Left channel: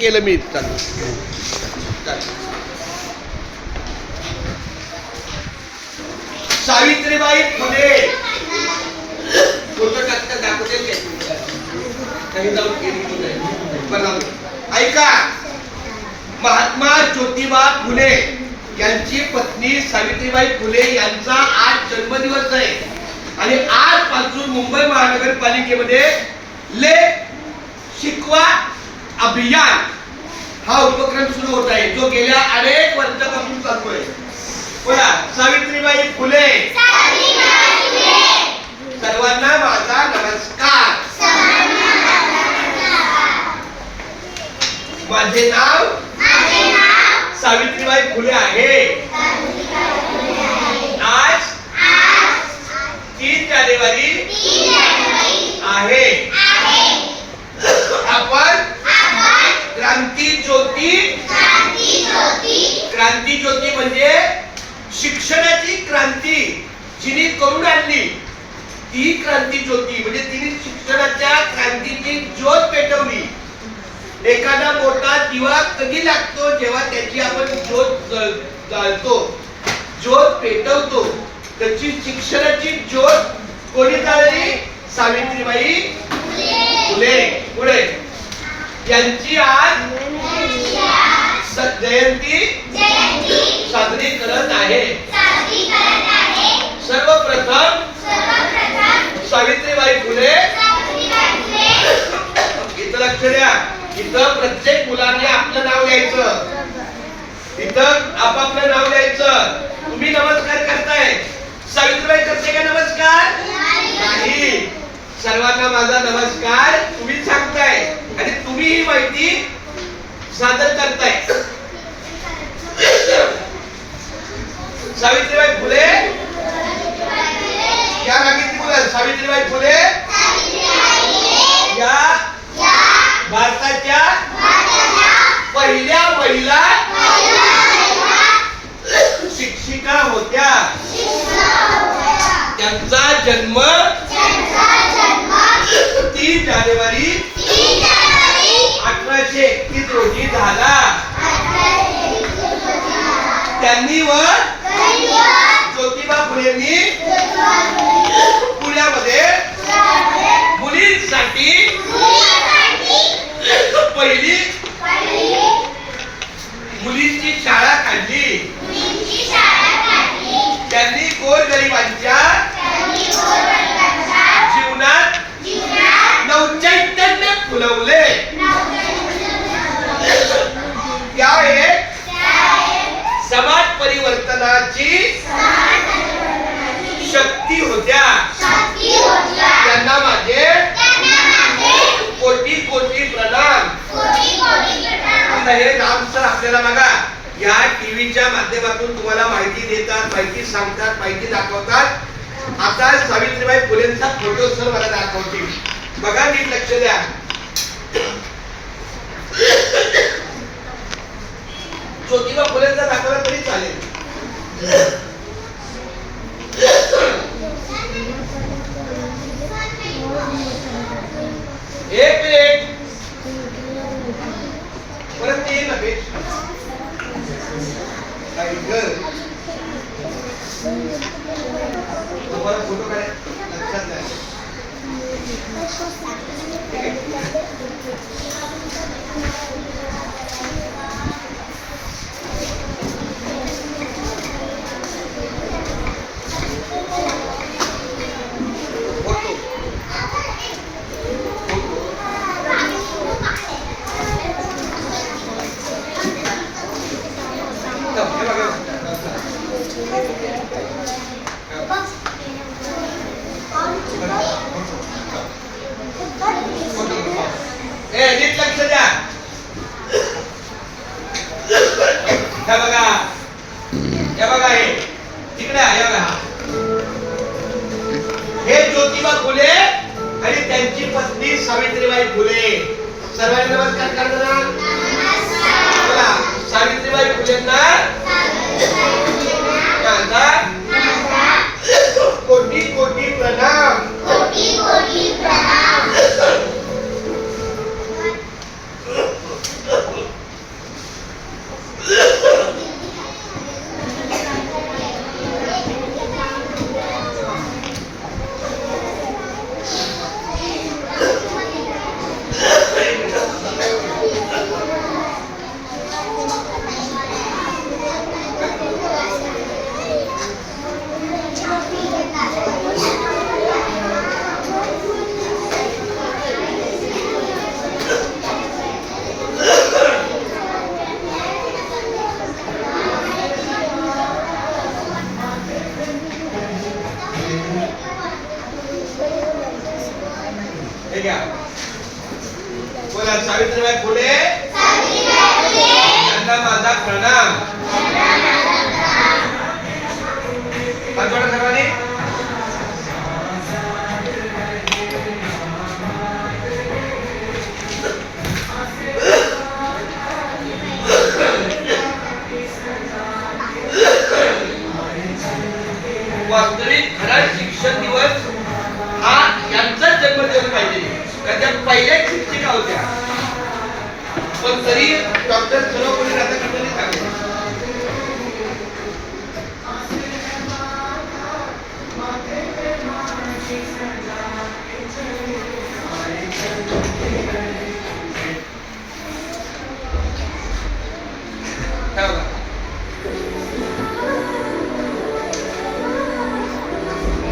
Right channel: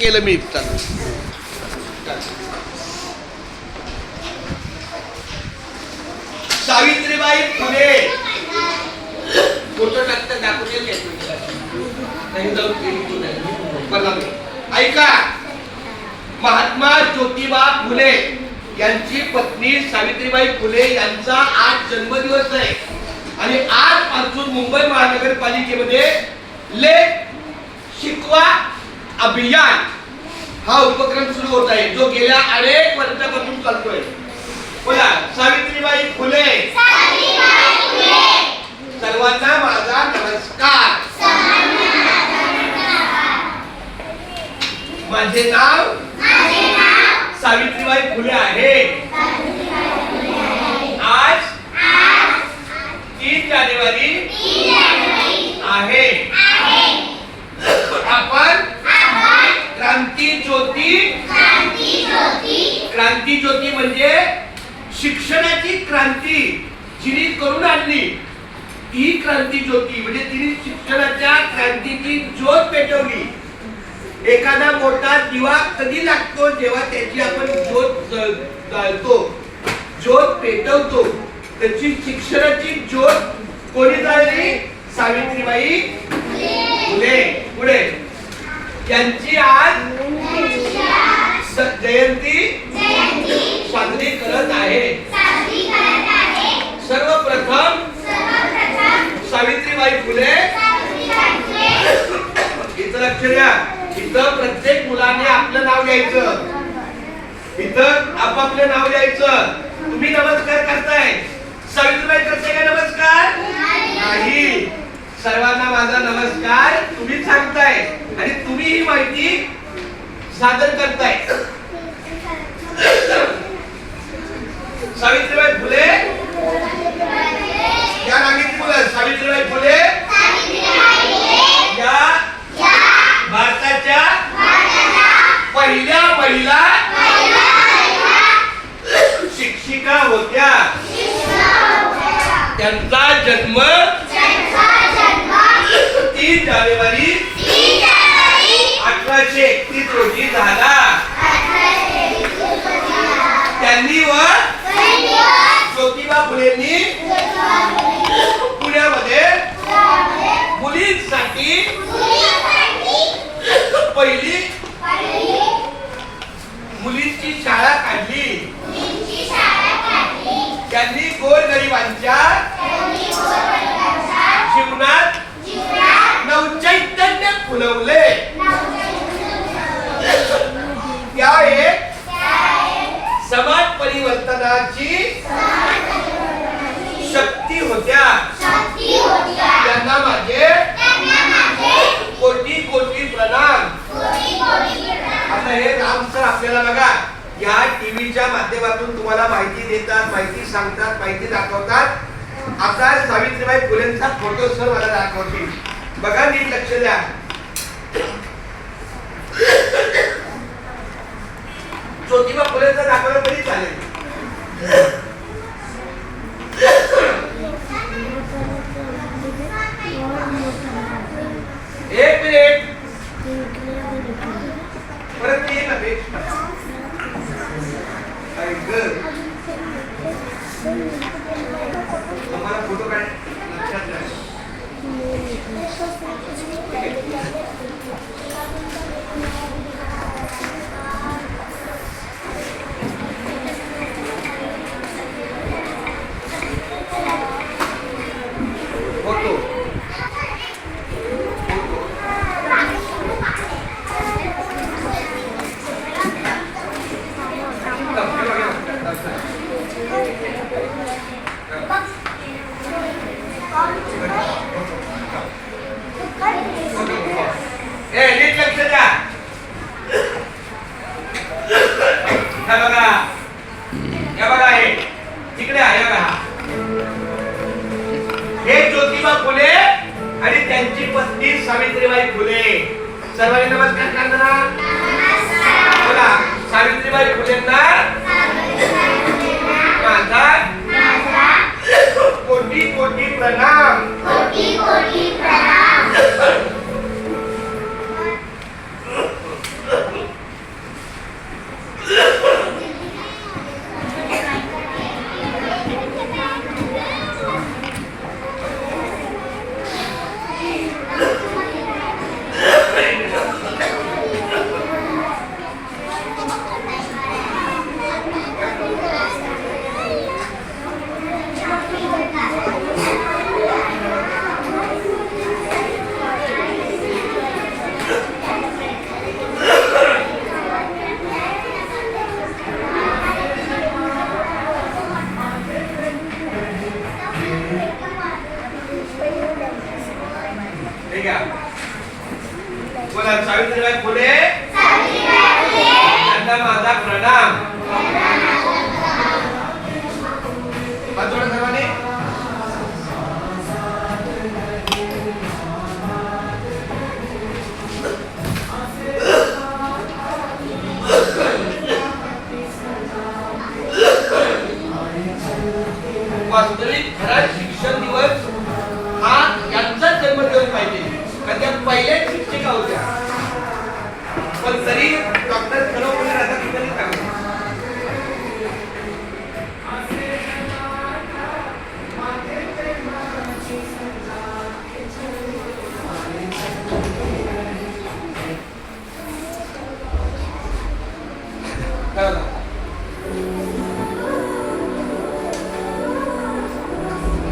केलं मी. सावित्रीबाई फुले फोटो टाकता दाखवते. ऐका, महात्मा ज्योतिबा फुले यांची पत्नी सावित्रीबाई फुले यांचा आज जन्मदिवस आहे आणि आजपासून मुंबई महानगरपालिकेमध्ये लेख शिकवा अभियान हा उपक्रम सुरू होत आहे, जो गेल्या अनेक वर्षापासून चालतोय. बोला, सावित्रीबाई फुले. सर्वांना माझा नमस्कार. माझे नाव सावित्रीबाई फुले आहे. आज 3 जानेवारी आहे. आपण क्रांती ज्योती म्हणजे शिक्षणाची क्रांती जिने करून आणली ती क्रांती ज्योती, म्हणजे तिने शिक्षणाच्या क्रांतीची ज्योत पेटवली. एखादा मोठा दिवा कधी लागतो? जेव्हा त्याची आपण ज्योत जाळतो, ज्योत पेटवतो. त्याची शिक्षणाची ज्योत कोणी जाळली? सावित्रीबाई फुले. पुढे यांची आज जयंती साजरी करत आहे. सर्वप्रथम सावित्रीबाई फुले. इथं लक्ष द्या, इथं प्रत्येक मुलाने आपलं नाव लिहायचं. इथं आपापलं नाव लिहायचं. तुम्ही नमस्कार करताय, सावित्रीबाई करते का नमस्कार? नाही. सर्वांना माझा नमस्कार तुम्ही सांगताय आणि तुम्ही ही माहिती सादर करताय. सावित्रीबाई फुले या नागरिक मुलं. सावित्रीबाई फुले या भारताच्या पहिल्या महिला शिक्षिका होत्या. त्यांचा जन्म 3 जानेवारी 1831 रोजी झाला. त्यांनी व ज्योतिबा फुलेंनी पुण्यामध्ये मुलींसाठी पहिली मुलींची शाळा काढली. त्यांनी गोरगरिबांच्या जीवनात नवचैतन्य फुलवले. त्या एक समाज परिवर्तनाची शक्ती होत्या. त्यांना माझे कोटी कोटी प्रणाम. आता हे राम सर आपल्याला बघा या टीव्हीच्या माध्यमातून तुम्हाला माहिती देतात, माहिती सांगतात, माहिती दाखवतात. आता सावित्रीबाई फुलेंचा फोटो सर मला दाखवतील. बघा, नीट लक्ष द्या. ज्योतिबा फुलेंचा दाखवला तरी चालेल. एक मिनिट परत ये ना पेज. तुम्हाला फोटो काय लक्षात द्या. ठीक आहे. नीट लक्ष द्या. हे बघा, हे बघा, हे तिकडे आहे बघा. हे ज्योतिबा फुले आणि त्यांची पत्नी सावित्रीबाई फुले. सर्वांनी नमस्कार करताना बोला, सावित्रीबाई फुलेंना माझा कोटी कोटी प्रणाम. सावित्रीबाई फुले यांना माझा प्रणाम. हात जोडा सर्वांनी. वास्तविक खरा शिक्षण दिवस हा यांचा जन्मदिवस पाहिजे, कारण त्या पहिल्याच शिक्षिका होत्या. पण तरी डॉक्टर सर्वपल्ली राधाकृष्णननी सांगितलं काय होता?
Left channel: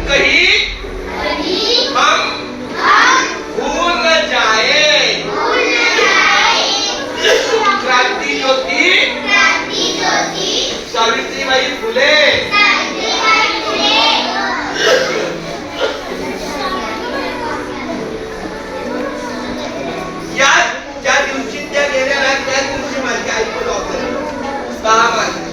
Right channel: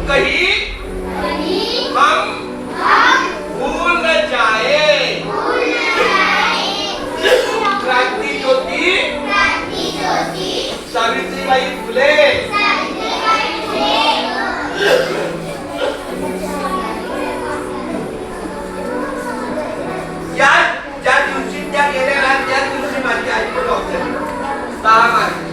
कहीं हम भूल न जाए क्रांति ज्योति सावित्रीबाई फुले. या ज्या दिवशी त्या गेल्या त्या दिवशी माझी आई पण डॉक्टर 6 मार्च.